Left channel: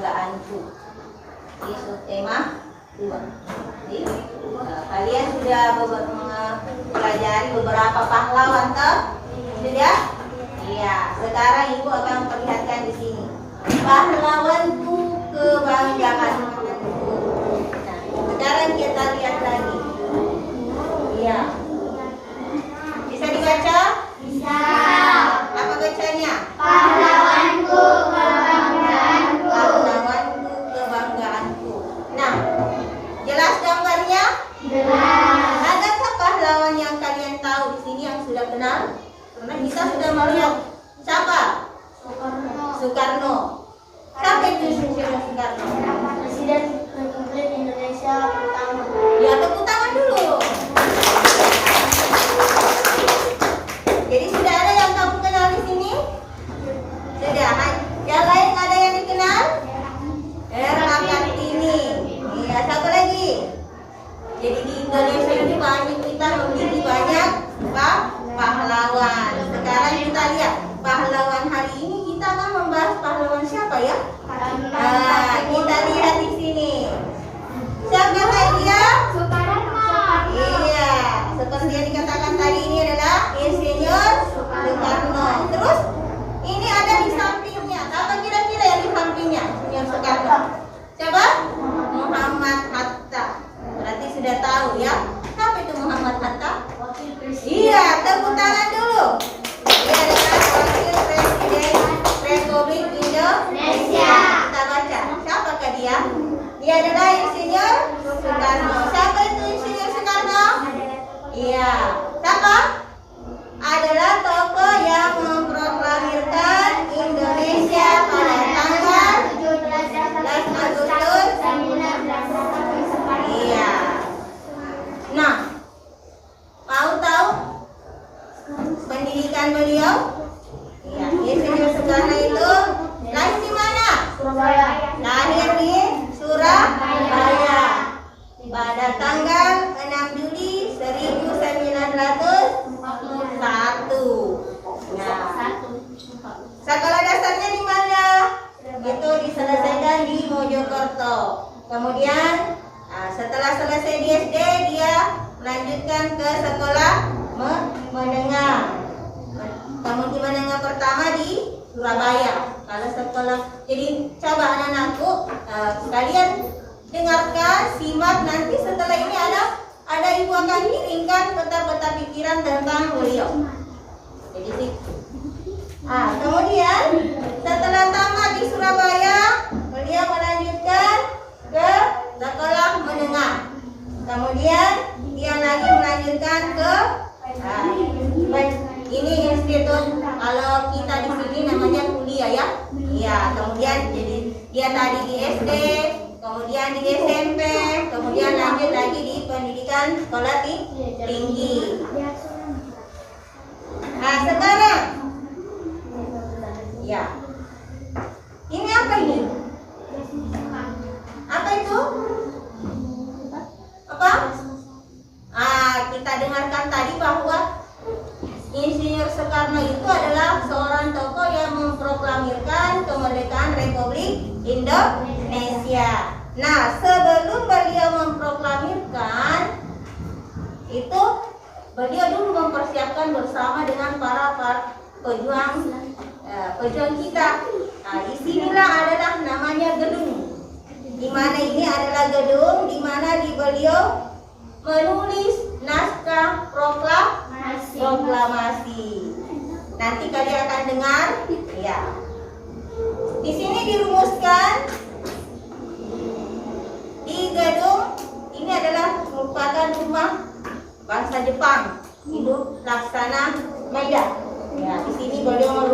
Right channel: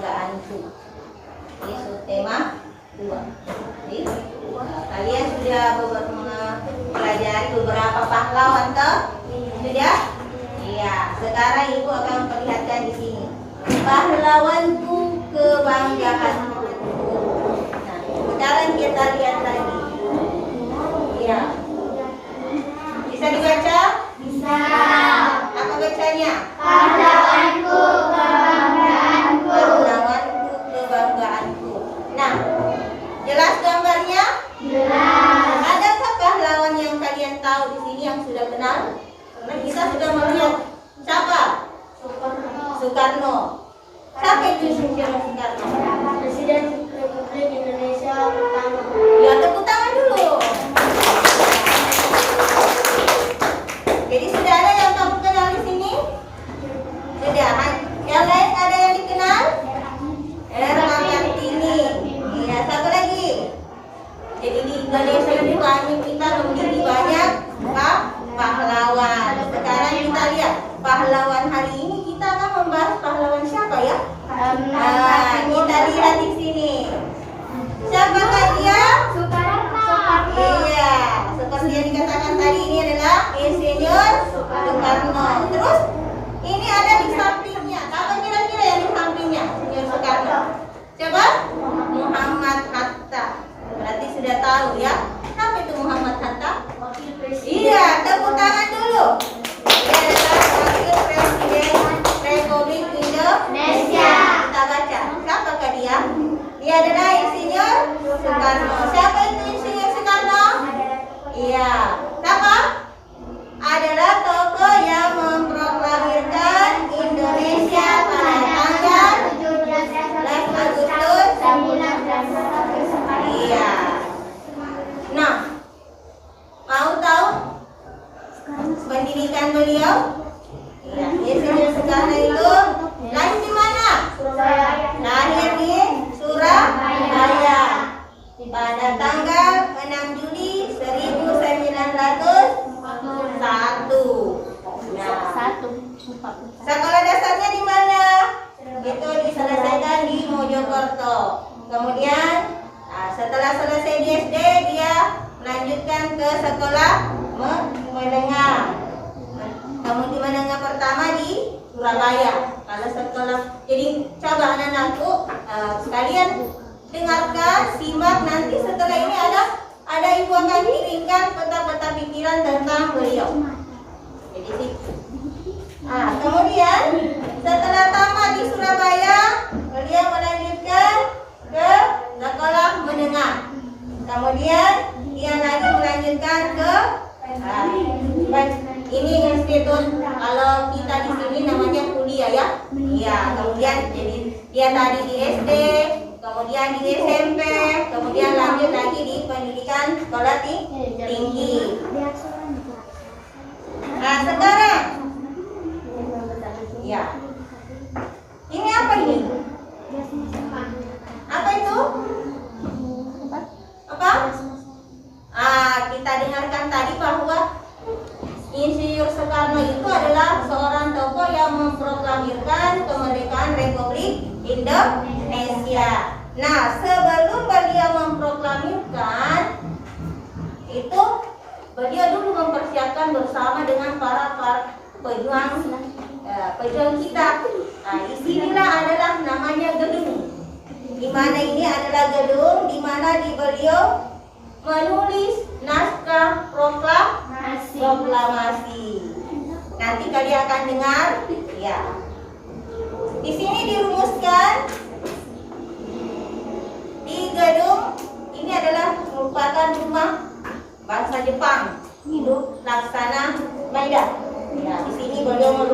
kebanggaanku. Itu tema 2. Jadi, kalian sudah mempelajari beberapa pahlawan toh? Sudah? Iya. Sekarang ibu akan memperlihatkan di sini. Pahlawanku, kebanggaanku. Nah, sekarang kita lihat lagi. Iya. Bisa dibaca? Bisa. Apa bacanya? Pahlawanku, kebanggaanku. Pahlawanku, kebanggaanku. Nah, jelas gambarnya? Jelas. Adakah pahlawan yang kalian tahu di sini yang sudah kenal? Karena kita sudah melihat siapa? Soekarno. Siapa itu Soekarno? Presiden Republik Indonesia pertama. Ya, tepuk tangan dulu. Jadi sudah ada yang kamu kenal di sini? Sudah. Yang lain ada yang dikenal? R.A. Kartini. Iya, siapa lagi? Jadi di Indonesia ini banyak, kita memiliki banyak pahlawan. Sekarang kita lihat pahlawan hari ini, kita akan membahas pahlawan siapa ya? Kita lihat di sini. Siapa dia? Soekarno. Iya, seperti yang dikatakan tadi, ini adalah Insinyur Soekarno. Terus ini ada di sampingnya. Apa kira-kira yang di sampingnya Insinyur Soekarno? Siapa? Muhammad Hatta. Berarti sudah tahu ya. Siapa itu Muhammad Hatta? Wakil Presiden. Iya, tepuk tangan dulu. Dia adalah Wakil Presiden Republik Indonesia. Kita baca. Siapakah dia? Dia adalah Insinyur Soekarno. Siapa itu Insinyur Soekarno? Iya. Siapa? Adalah tokoh yang memproklamirkan Indonesia pada tanggal 17 Agustus. Iya. Nah, mau tahu pendidikan beliau? Iya, Insinyur Soekarno itu lahir di mana? Surabaya. Lahir di Surabaya pada tanggal 6 Juli 1941. Nah, sekolah dasarnya di mana? Itu diselesaikan di Mojokerto. Kemudian setelah selesai di SD, dia melanjutkan ke sekolah menengah. Kemudian menengah pertama di Surabaya. Kalau sekolah, jadi coba anak-anakku, kalian dengarkan, simak, nanti setelah ini ada ibu akan kirimkan peta-peta pikiran tentang beliau. Jadi kemudian setelah tamat di Surabaya, beliau melanjutkan ke sekolah menengah. Kemudian dia lagi melanjutkan ke ini institut, kalau kita di sini namanya kuliah ya. Iya, kemudian jadi dia tadi di SD, kemudian di SMP, kemudian lanjut lagi di pendidikan sekolah tinggi. Nah, sekarang ya. Ini apa ini? Apa itu? Apa? Kita dengarkan tadi bahwa Insinyur Soekarno itu adalah seorang tokoh yang memproklamirkan kemerdekaan Republik Indonesia. Nah, sebelum beliau memproklamirkan itu, beliau dulu mempersiapkan bersama dengan para pejuang kita. Nah, disinilah adalah namanya gedung. Di mana ini adalah gedung di mana beliau menulis naskah proklamasi. Nanti kalian akan dengar, ya. Di sini dirumuskan di gedung ini adalah merupakan rumah bangsa Jepang, hidup Laksana Maeda. Ya, di sini beliau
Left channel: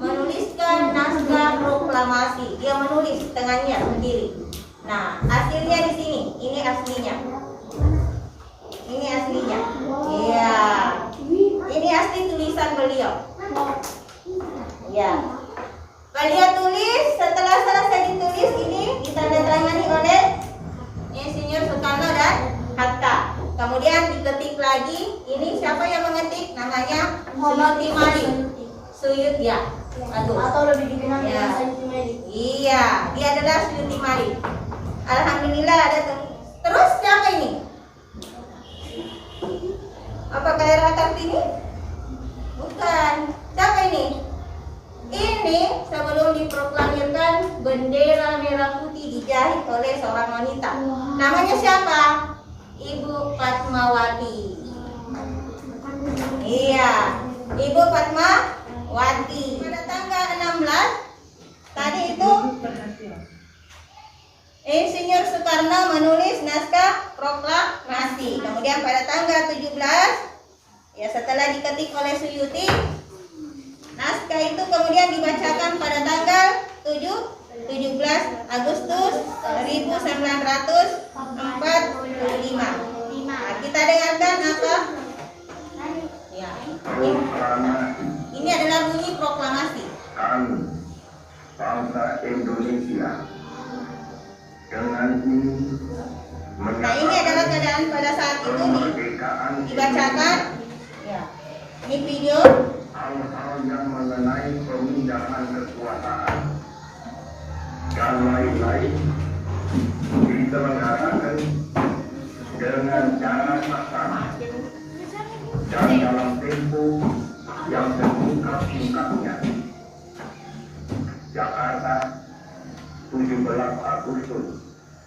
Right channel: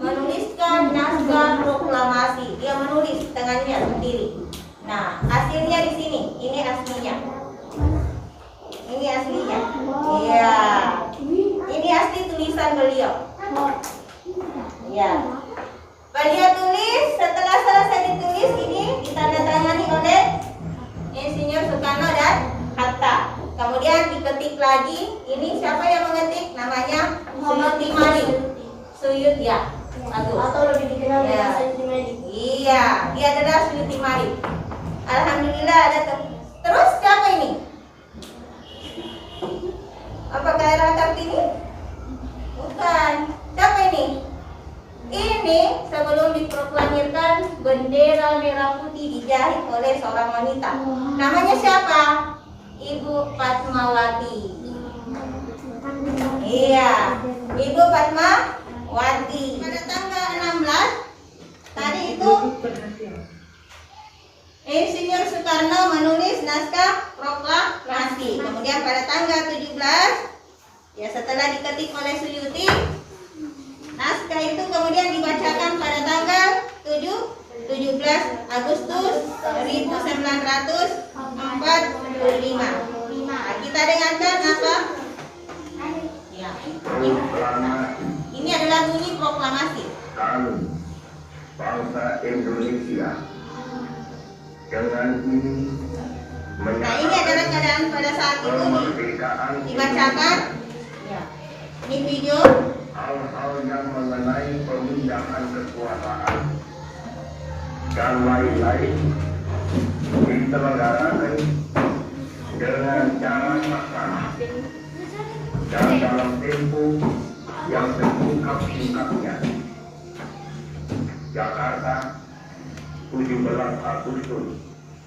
menuliskan naskah proklamasi. Dia menulis tangannya sendiri. Nah, hasilnya di sini. Ini aslinya. Ini aslinya. Iya. Ini asli tulisan beliau. Iya. Beliau tulis, setelah selesai ditulis ini ditandatangani oleh Insinyur Soekarno dan Hatta. Kemudian diketik lagi. Ini siapa yang mengetik? Namanya Suyuti Malik. Suyut ya. Atau lebih dikenal dengan Suyuti Malik. Iya. dia adalah Suyuti Malik. Alhamdulillah ada terus siapa ini? Apakah Era Kartini? Bukan. Siapa ini? Ini sebelum diproklamirkan bendera merah putih dijahit oleh seorang wanita. Namanya siapa? Ibu Fatmawati. Iya, Ibu Fatmawati. Pada tanggal 16 tadi itu Insinyur Soekarno menulis naskah proklamasi. Kemudian pada tanggal 17 ya setelah diketik oleh Suyuti, naskah itu kemudian dibacakan pada tanggal 17 Agustus 1945. Nah, kita dengarkan apa? Ya, ini adalah bunyi proklamasi. Kami, bangsa Indonesia, dengan ini Nah, ini adalah keadaan pada saat itu kemerdekaan dibacakan. Ya, ini video. hal-hal yang mengenai pemindahan kekuasaan dan lain-lain diselenggarakan dengan cara saksama dan dalam tempo yang sesingkat-singkatnya. Jakarta, 17 Agustus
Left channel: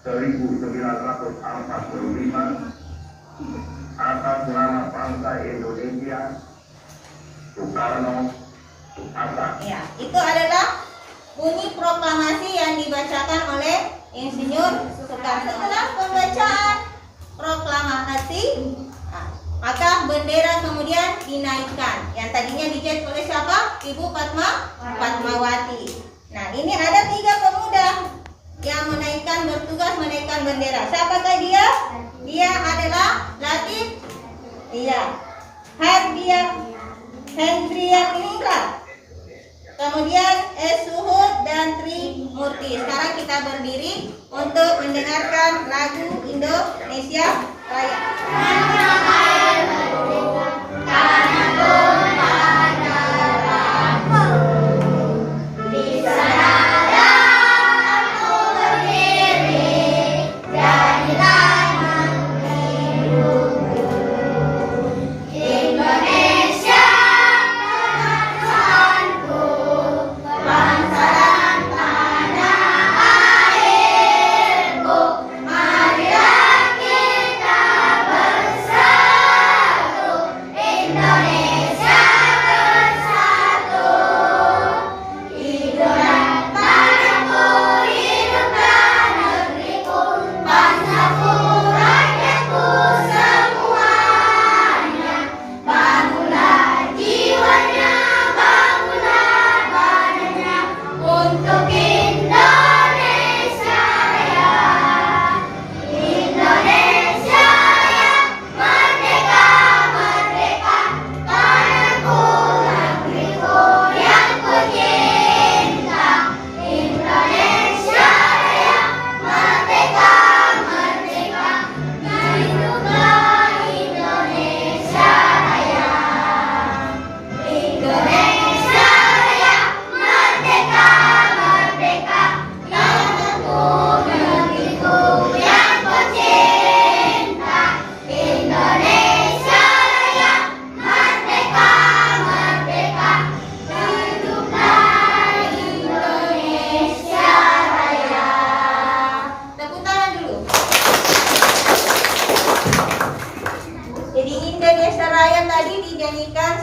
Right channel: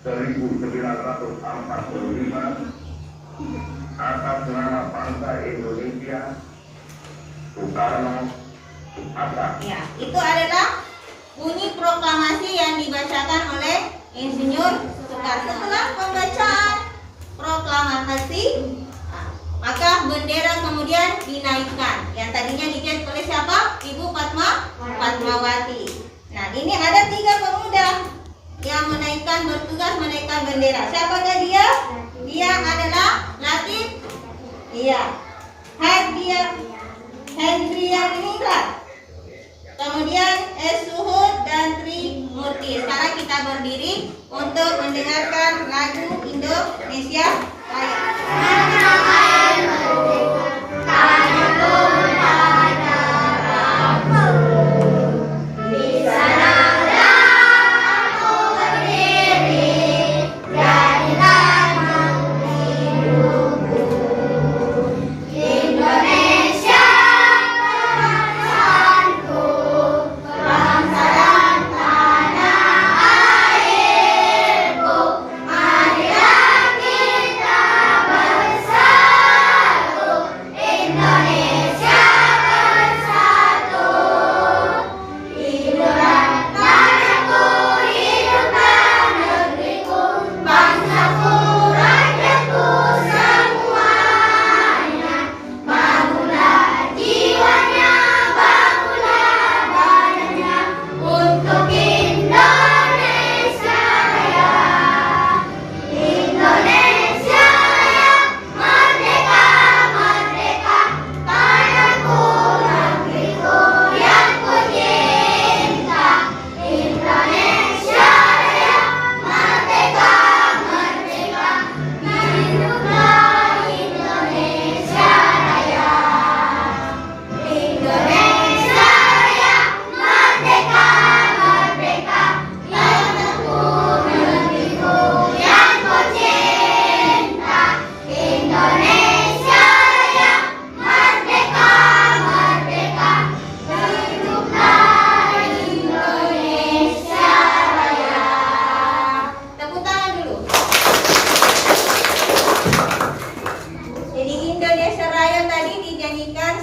1945, atas nama bangsa Indonesia, Soekarno Hatta. Ya, itu adalah bunyi proklamasi yang dibacakan oleh Insinyur Soekarno. Setelah pembacaan proklamasi, maka bendera kemudian dinaikkan. Yang tadinya dijahit oleh siapa? Ibu Fatmawati. Nah, ini ada 3 pemuda yang bertugas menaikkan bendera. Siapakah dia? Dia adalah Latif. Iya. Hendrian Iningrat. Kemudian Suhud dan Tri Murti. Sekarang kita berdiri untuk mendengarkan lagu Indonesia Raya.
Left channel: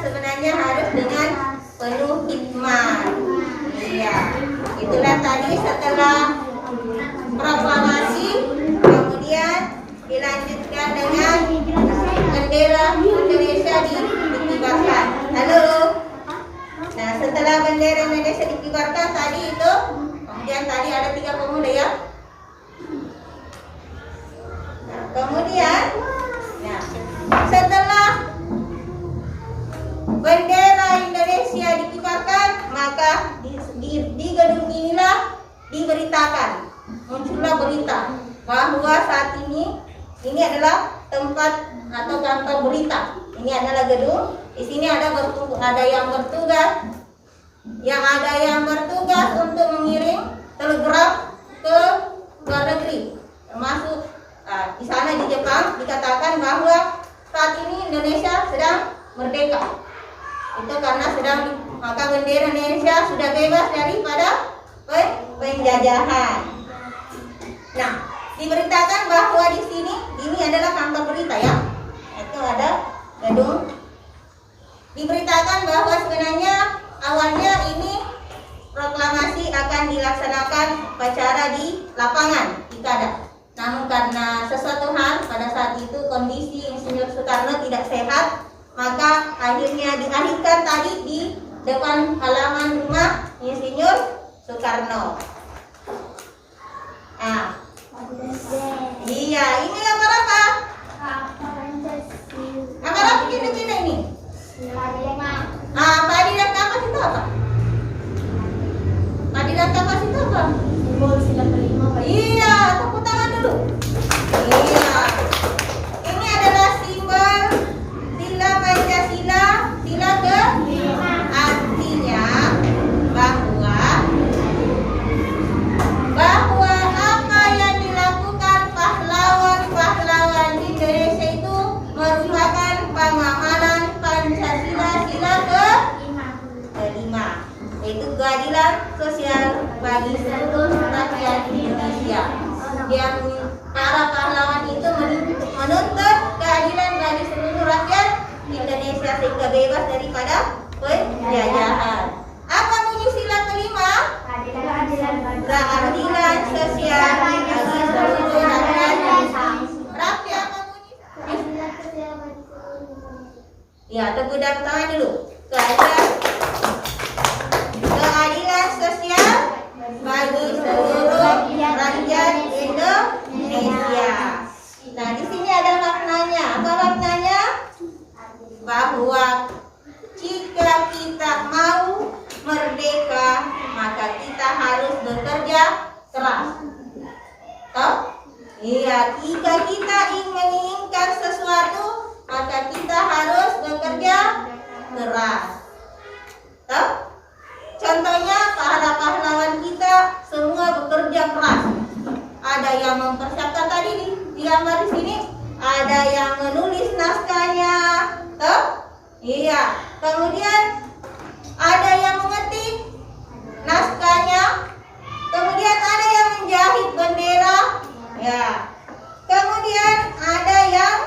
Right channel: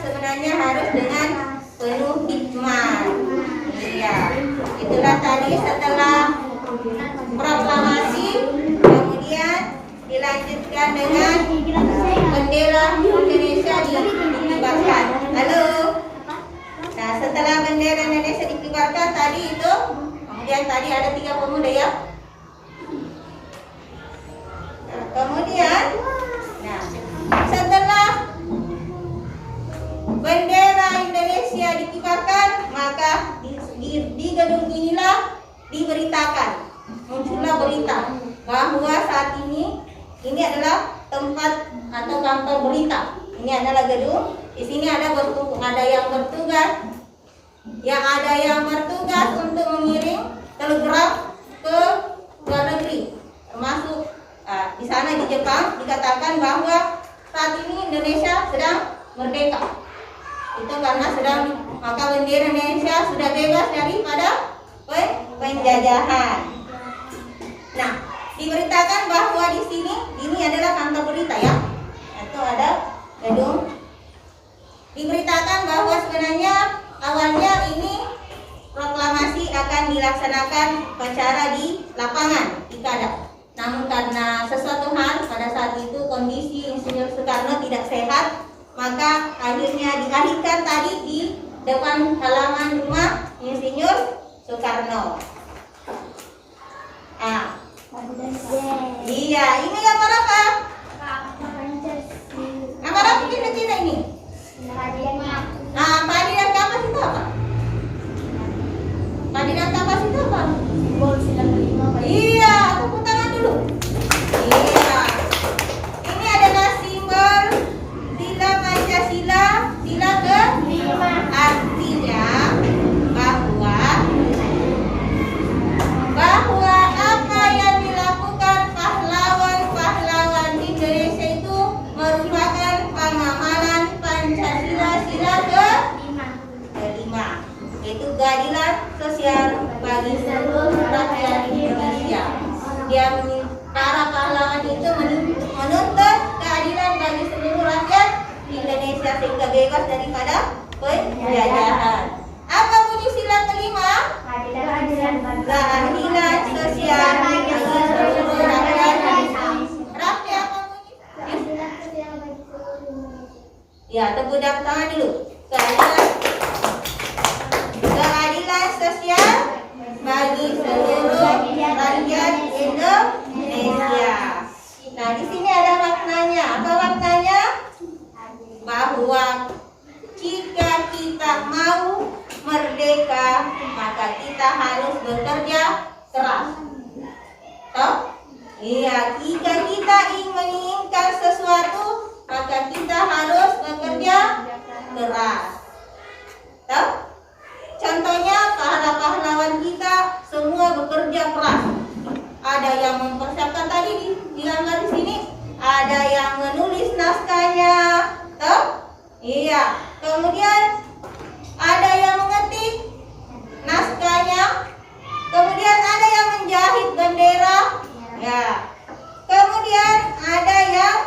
sebenarnya harus dengan penuh hikmah. Iya, itulah tadi setelah proklamasi, kemudian dilanjutkan dengan bendera Indonesia dikibarkan. Halo. Nah, setelah bendera Indonesia dikibarkan tadi itu, kemudian tadi ada 3 pemuda ya. Nah, kemudian, nah, setelah bendera Indonesia dikibarkan, maka di gedung inilah diberitakan, muncullah berita bahwa saat ini adalah tempat atau kantor berita. Ini adalah gedung. Di sini ada yang bertugas untuk mengirim telegram sudah bebas daripada penjajahan. Nah, diberitakan bahwa di sini ini adalah kantor berita ya. Itu ada gedung. Diberitakan bahwa sebenarnya awalnya ini proklamasi akan dilaksanakan upacara di lapangan di Kadak. Namun karena sesuatu hal pada saat itu kondisi Insinyur Soekarno tidak sehat, maka akhirnya dialihkan tadi di depan halaman rumah Insinyur Soekarno. Nah, iya, ini gambar apa? Gambar apa kita ini? Padi dan kapas itu apa? Padi dan kapas itu apa? Simbol sila kelima. Iya, tepuk tangan dulu. Iya. Ini adalah simbol sila Pancasila, sila kelima. Artinya bahwa apa yang dilakukan pahlawan-pahlawan Indonesia itu merupakan pemahaman Pancasila sila kelima, yaitu keadilan sosial bagi seluruh rakyat Indonesia. Yang para pahlawan itu menuntut keadilan bagi seluruh rakyat Indonesia sehingga bebas daripada penjajahan. Apa bunyi sila kelima? Keadilan sosial bagi seluruh rakyat. Rakyat apa bunyi? Ya, tepuk tangan dulu. Keadilan sosial bagi seluruh rakyat Indonesia. Nah, di sini ada maknanya. Apa maknanya? Bahwa jika kita mau merdeka, maka kita harus bekerja keras. Toh? Iya, jika kita ingin menginginkan sesuatu, maka kita harus bekerja keras. Toh? Contohnya para pahlawan kita semua bekerja keras. Ada yang mempersiapkan tadi di gambar di sini, ada yang menulis naskahnya, toh? Iya. Kemudian ada yang mengetik naskahnya, kemudian ada yang menjahit bendera, ya. Kemudian ada yang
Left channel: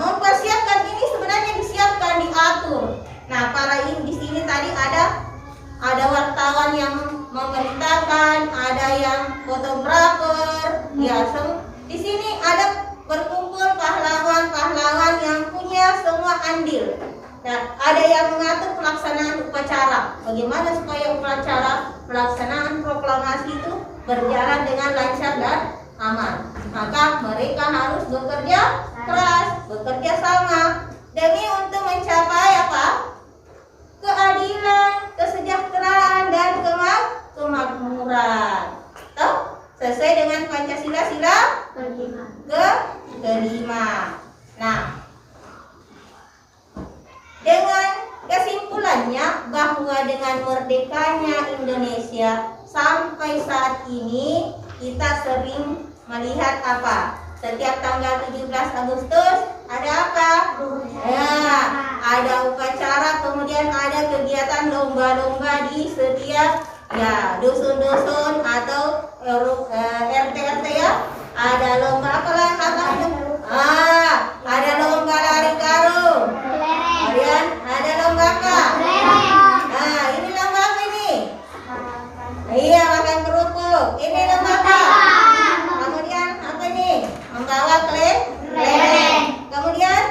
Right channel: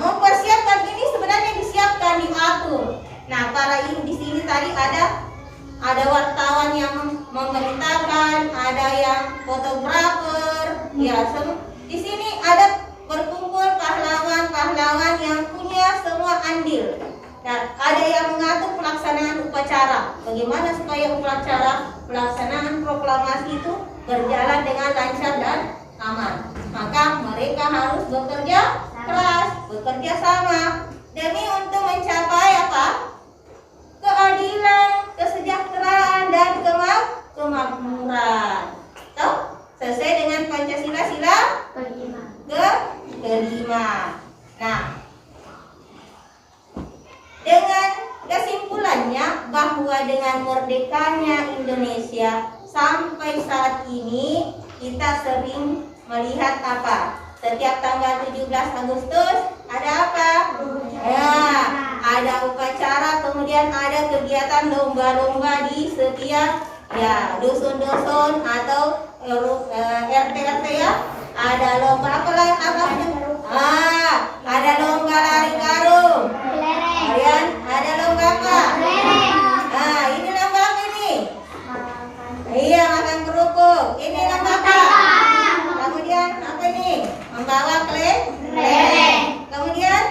mempersiapkan, ini sebenarnya disiapkan, diatur. Nah, para ini di sini tadi ada wartawan yang memberitakan, ada yang fotografer, ya. Di sini ada berkumpul pahlawan-pahlawan yang punya semua andil. Dan ada yang mengatur pelaksanaan upacara. Bagaimana supaya upacara pelaksanaan proklamasi itu berjalan dengan lancar dan aman. Maka mereka harus bekerja keras, bekerja sama demi untuk mencapai apa? Keadilan, kesejahteraan dan kemakmuran. Tahu? Sesuai dengan Pancasila sila kelima. Nah, dengan kesimpulannya bahwa dengan merdekanya Indonesia sampai saat ini kita sering melihat apa? Setiap tanggal 17 Agustus ada apa? Ya, ada upacara, kemudian ada kegiatan lomba-lomba di setiap dusun-dusun atau RT-RT ya. Ada lomba apa itu? Ada lomba lari karung. Kemudian ada lomba apa? Ini lomba apa ini? Iya, makan kerupuk. Ini lomba apa? Kemudian apa nih? Membawa kelereng. Kemudian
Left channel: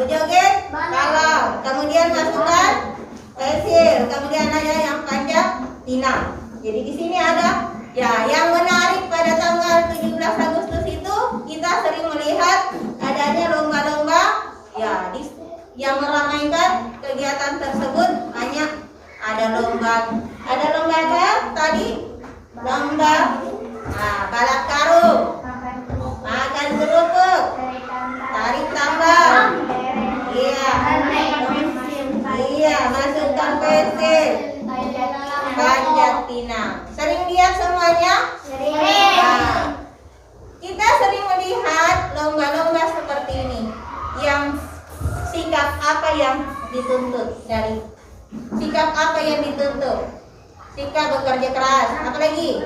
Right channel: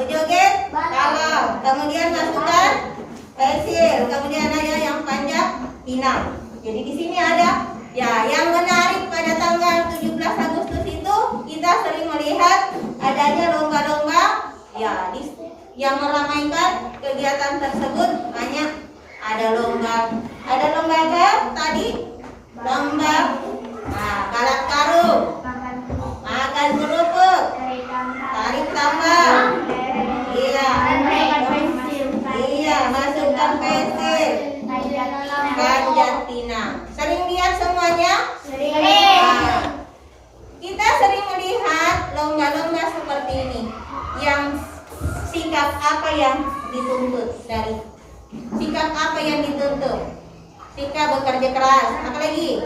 berjoget kalau. Kemudian masukkan pensil. Kemudian ada yang panjat pinang. Jadi di sini ada yang menarik pada tanggal 17 Agustus itu kita sering melihat adanya lomba-lomba yang meramaikan kegiatan tersebut. Banyak ada lomba apa tadi? Lomba balap karung, makan kerupuk, tarik tambang, masukkan pensil, panjat pinang. Sering lihat semuanya? Sering. Kita sering melihat lomba-lomba seperti ini. Yang sikap apa yang dituntut dari Sikap apa yang dituntut? Sikap bekerja keras. Apa lagi?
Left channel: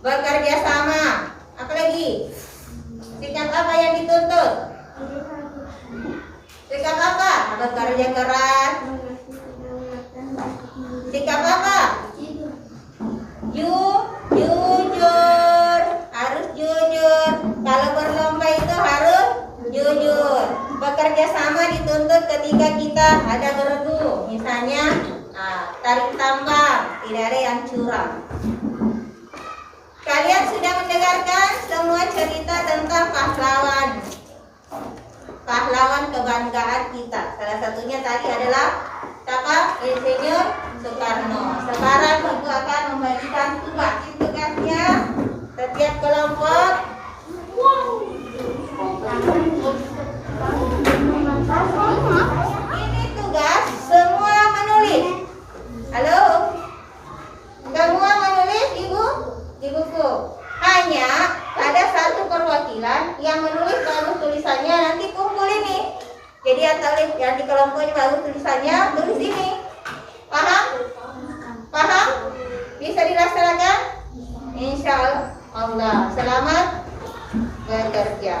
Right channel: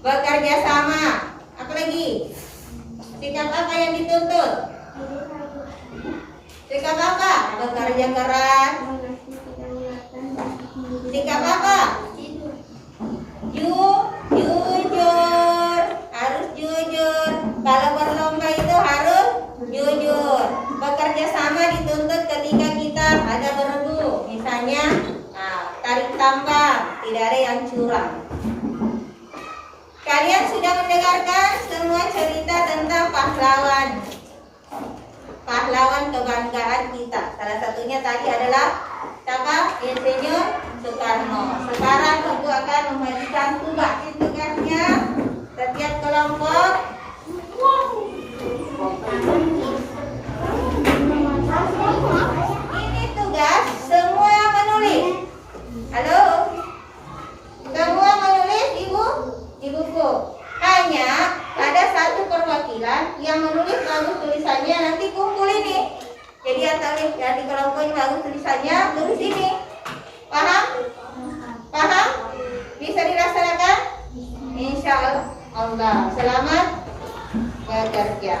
Bekerja sama. Apa lagi? Sikap apa yang dituntut? Sikap apa? Bekerja keras. Sikap apa? Jujur. Harus jujur. Kalau berlomba itu harus jujur. Bekerja sama dituntut ketika kita ada bergu. Misalnya tarik tambang, tidak ada yang curang. Kalian sudah mendengarkan semua cerita tentang pahlawan. Pahlawan kebanggaan kita. Salah satunya tadi adalah siapa? Insinyur Soekarno. Sekarang Ibu akan membagikan tugasnya setiap kelompok. Ini tugas semua menulis. Halo? Semua menulis Ibu? Di buku. Hanya ada satu perwakilan yang menulis bagus tulisannya, nanti kumpul ini. Jadi yang di kelompok ini bagus tulisannya, tulis ini. Paham? Paham? Bisa dilaksanakan? Insya Allah. Selamat bekerja.